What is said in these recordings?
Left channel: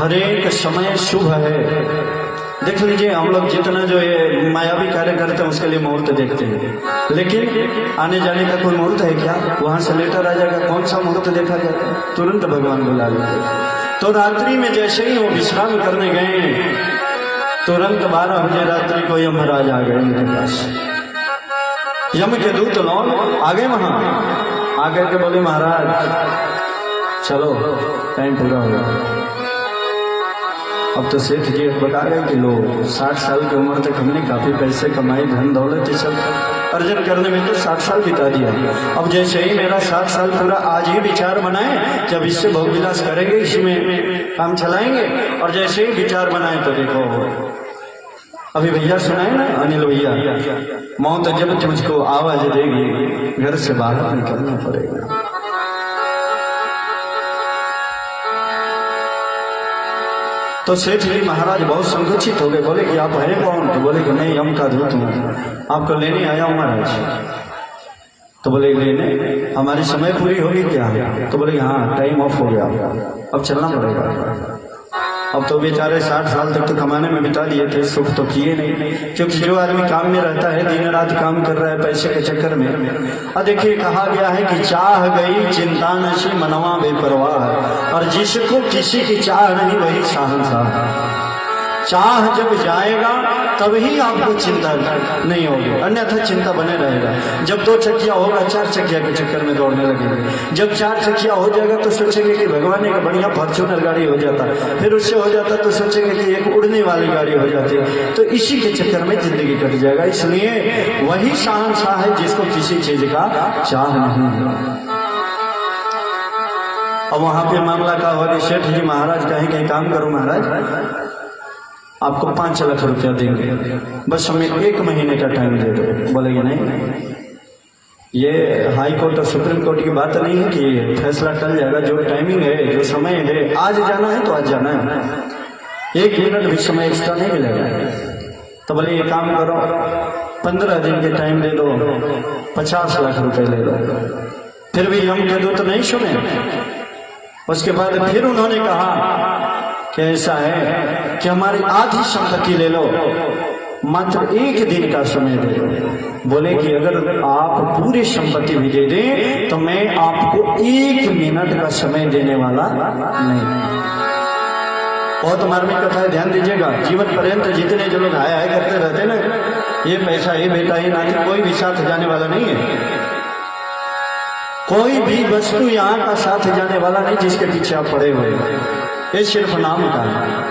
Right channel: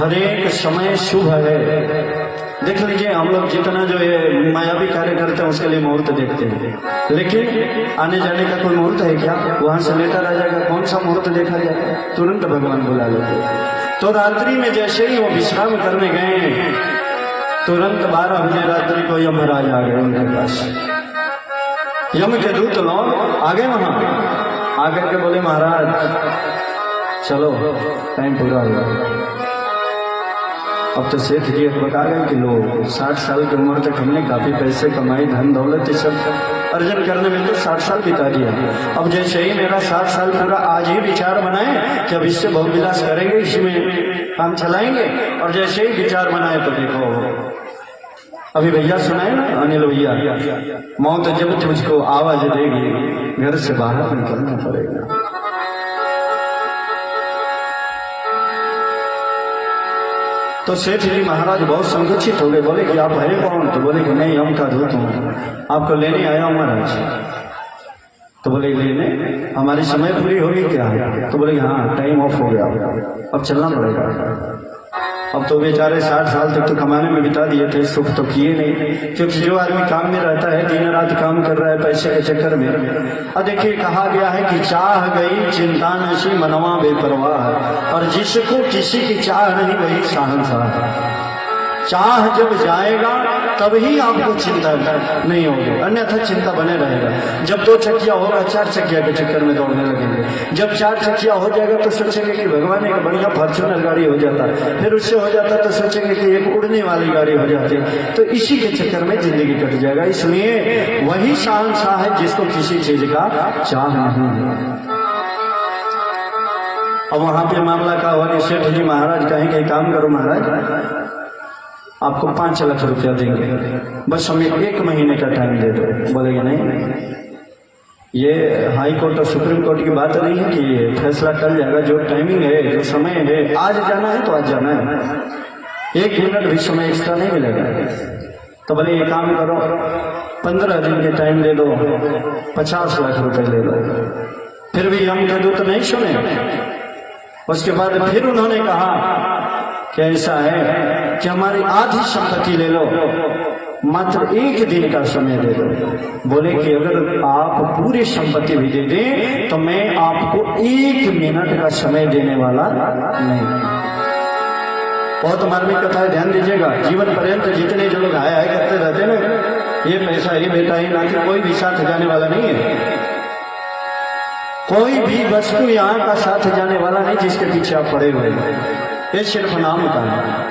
हर एक समय शुभ है। देख लीजिए, हम लोग जितना जो ये मायावी कार्य करते हैं उसके लिए मुहूर्त देखते हैं, लेकिन आने जाने का कोई मुहूर्त है क्या? वहां से लेकर आ जाएगा, कौन सा मुहूर्त देखा जाएगा? तुरंत भगवान बुला लेते। तो रात्रि में जैसे ही वो विश्राम करने गए, तुरंत 12 बजे रात्रि को यमराज आ गए उनके पास। यम के दूत लोग आ गए वहां, आकर के बोले महाराज चलो टाइम पूरा हो गया। अब तो सेठ जी बता रहे कि लोग 60 साल की उम्र तक हमने काफी पैसे कमाए, धन दौलत सब अर्जन करने में तो 60 साल बिता दिया। अब जैसे ही मेरा 60 साल पूरा, आज ही विचार बनाए कि अब इससे भोग विलास करेंगे, इसमें काम चलाएंगे। और जैसे ही विचार बनाए तो देखो अभी भैया सुनाए ना, अनिल भैया, मौत जब तुझको आवाज देगी घर से बाहर निकलना पड़ेगा। तो सेठ जी महाराज बहुत संकुचित हो गए, बोले कि आप हैं कौन? तो बोले कि मैं यम का दूत हूँ, आपको लेने आया हूँ महाराज। तो बोले लेने? हमारी समय पूरी होगी क्या? तो बोले हाँ टाइम ऑफ हो गया, अब चलना पड़ेगा। अब तो बेचारे 60 साल तक तो कमाने में बिता दिए थे, सुख तो किए नहीं, क्योंकि जो आदमी काम में रहता है दिन रात काम कर रहा है पैसे के चक्कर में। अब देखिए कहा गया है कि चाह गई चिंता नशी मनवा बेपरवाह, और जिसको किसी की चाह नहीं वही शहंशाह। चाह जब जाएगा तभी आपको चिंता नहीं होगी, अन्यथा चिंता बने रहेगा। जब 2 चक्किया होगा 4 चक्किया के चक्कर में दौड़ने लगेंगे। जब 4 चक्किया हो जाएगा तो सोचेंगे कि भगवान एक बढ़िया फॉर्च्यूनर गाड़ी हो जाता है, फिर उससे हो जाता है तो सोचेंगे कि एक उड़ने वाली गाड़ी हो जाती है। तो इसी के चक्कर में जिंदगी कट जाएगा। इसलिए वही शहंशाह है जिसको किसी चीज का चाह नहीं है। अब वहां पे मामला क्या होगा? सेठ जी महाराज कहें काम करो महाराज, आपको 5 लाख रुपया देंगे, बस हमें 1 महीने का टाइम दे दो। बोलेगा नहीं, ये हाई कोर्ट और सुप्रीम कोर्ट की बात नहीं है कि ये फैसला कर जाएगा। जो टाइमिंग है, जो समय है, आज जाना है तो आज जाना है, 1 मिनट भी समय एक्स्ट्रा नहीं मिलेगा। तो बोले ये काम करो, 15 दिन का टाइम दे दो, 50 लाख रुपए ले दो। फिर भी हम दे दो तो नहीं सुने। उसके बाद फिर उन्होंने कहा कि ऐसा है कि हमारी आधी संपत्ति ले लो, मात्र 1 दिन का समय दे दो। बोले कि अगर आप पूरी संपत्ति भी दे दें तो मैं आपको 1 मिनट का समय देने वाला नहीं। बहुत मार्मिक कथा है, ध्यान दीजिएगा। जीवन पर्यंत जितने जो लोग आया है करते रहते ना, ये पैसा ही बेटा ही नाती, कोई भी साथ जाने वाला नहीं है। कोई भी वस्तु यहाँ का साथ जाने वाला नहीं जिसके पीछे आप पड़े हुए, ये सिर्फ नाम का है।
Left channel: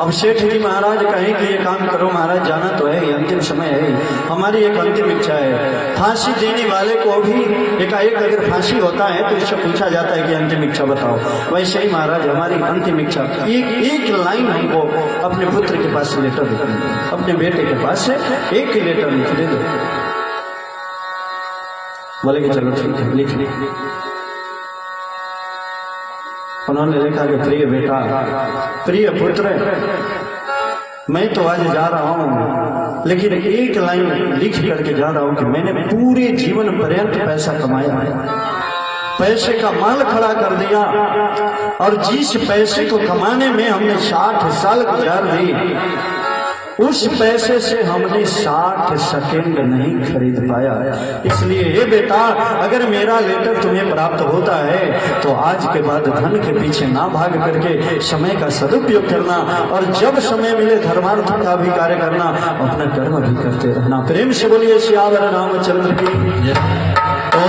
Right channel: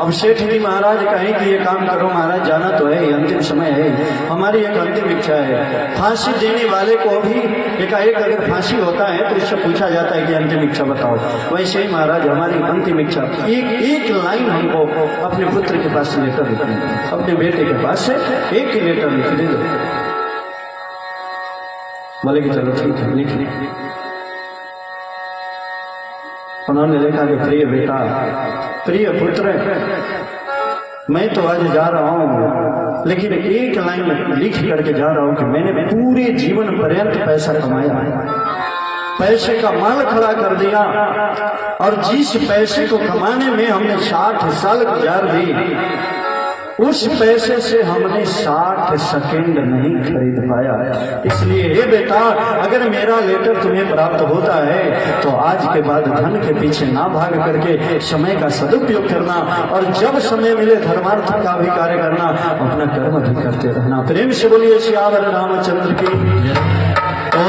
अब सेठ जी महाराज कहें कि ये काम करो महाराज, जाना तो है, ये अंतिम समय है, हमारी एक अंतिम इच्छा है। फांसी देने वाले को भी एकाएक अगर फांसी होता है तो उससे पूछा जाता है कि अंतिम इच्छा बताओ। वैसे ही महाराज हमारी अंतिम इच्छा, एक लाइन हमको अपने पुत्र के पास लेटर लिखनी है, अपने बेटे के पास से एक लेटर लिख दे दो। बोले कि चलो ठीक है लिख ली। उन्होंने लिखा कि प्रिय बेटा, प्रिय पुत्र, मैं तो आज जा रहा हूँ, लेकिन एक लाइन लिख करके जा रहा हूँ कि मैंने पूरे जीवन पर्यंत पैसा कमाया, पैसे का माल खड़ा कर दिया, और जिस पैसे को कमाने में हमने 60 साल गुजार दी, उस पैसे से हमने 60 सेकंड नहीं खरीद पाया। इसलिए हे बेटा, अगर मेरा लेटर तुम्हें प्राप्त होता है तो आज के बाद धन के पीछे ना भाग करके समय का सदुपयोग करना, और जब समय मिले धर्मार्थ का भी कार्य करना, अपना कर्म भी करते रहना। प्रेम से बोलिए श्री रामचंद्र की। तो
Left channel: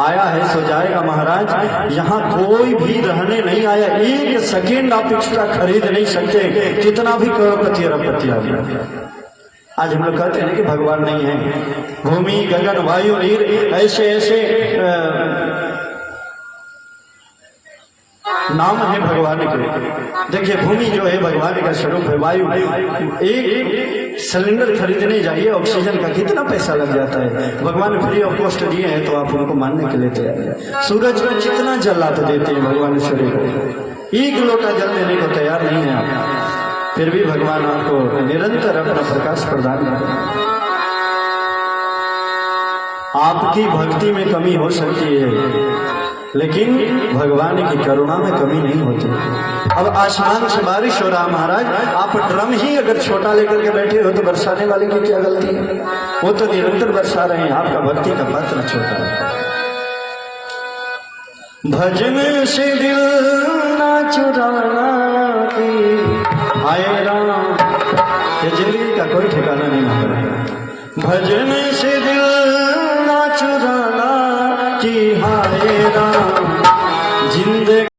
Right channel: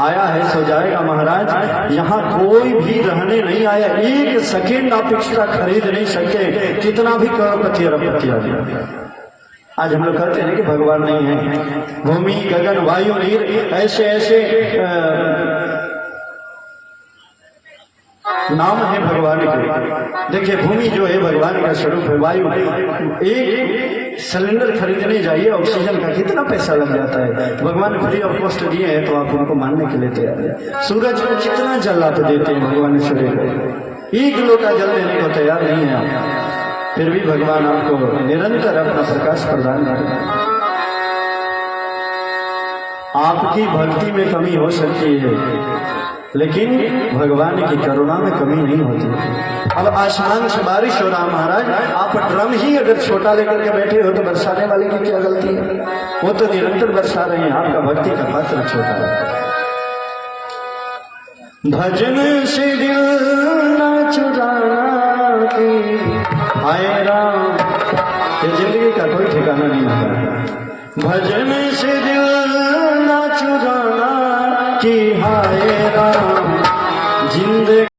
आया है सो जाएगा महाराज, यहाँ कोई भी रहने नहीं आया, 1 सेकेंड आप एक्स्ट्रा खरीद नहीं सकते, कितना भी करोड़पति अरबपति आ गया। आज हम लोग कहते हैं कि भगवान नहीं है। भूमि गगन वायु नीर ऐसे ऐसे नाम है भगवान के। देखिए भूमि जो है भगवान का स्वरूप है। वायु, एक सिलेंडर खरीदने जाइए ऑक्सीजन का कितना पैसा लग जाता है, भगवान फ्री ऑफ कॉस्ट दिए हैं तो आप उनको मानने के लिए तैयार है। सूरज का कितना जल आप देते हैं भगवान सूर्य को, 1 किलो का जल देने को तैयार नहीं है, फिर भी भगवान आपको निरंतर अपना प्रकाश प्रदान करें। आपकी भक्ति में कमी हो सकती है, लेकिन भगवान की करुणा में कमी नहीं होती। अब आसमान से बारिश हो रहा महाराज, आप ड्रम ही अगर छोटा लेकर के बैठे हो तो बरसाने वाले की क्या गलती है? वो तो निरंतर बरसा रहे हैं, आपका भक्ति का पात्र छोटा है। भजन से दिल न चुराना की हाय राम, ये जिंदगी का कोई ठिकाना नहीं है। भजन से दिल न चुराना की हाय राम, जिंदगी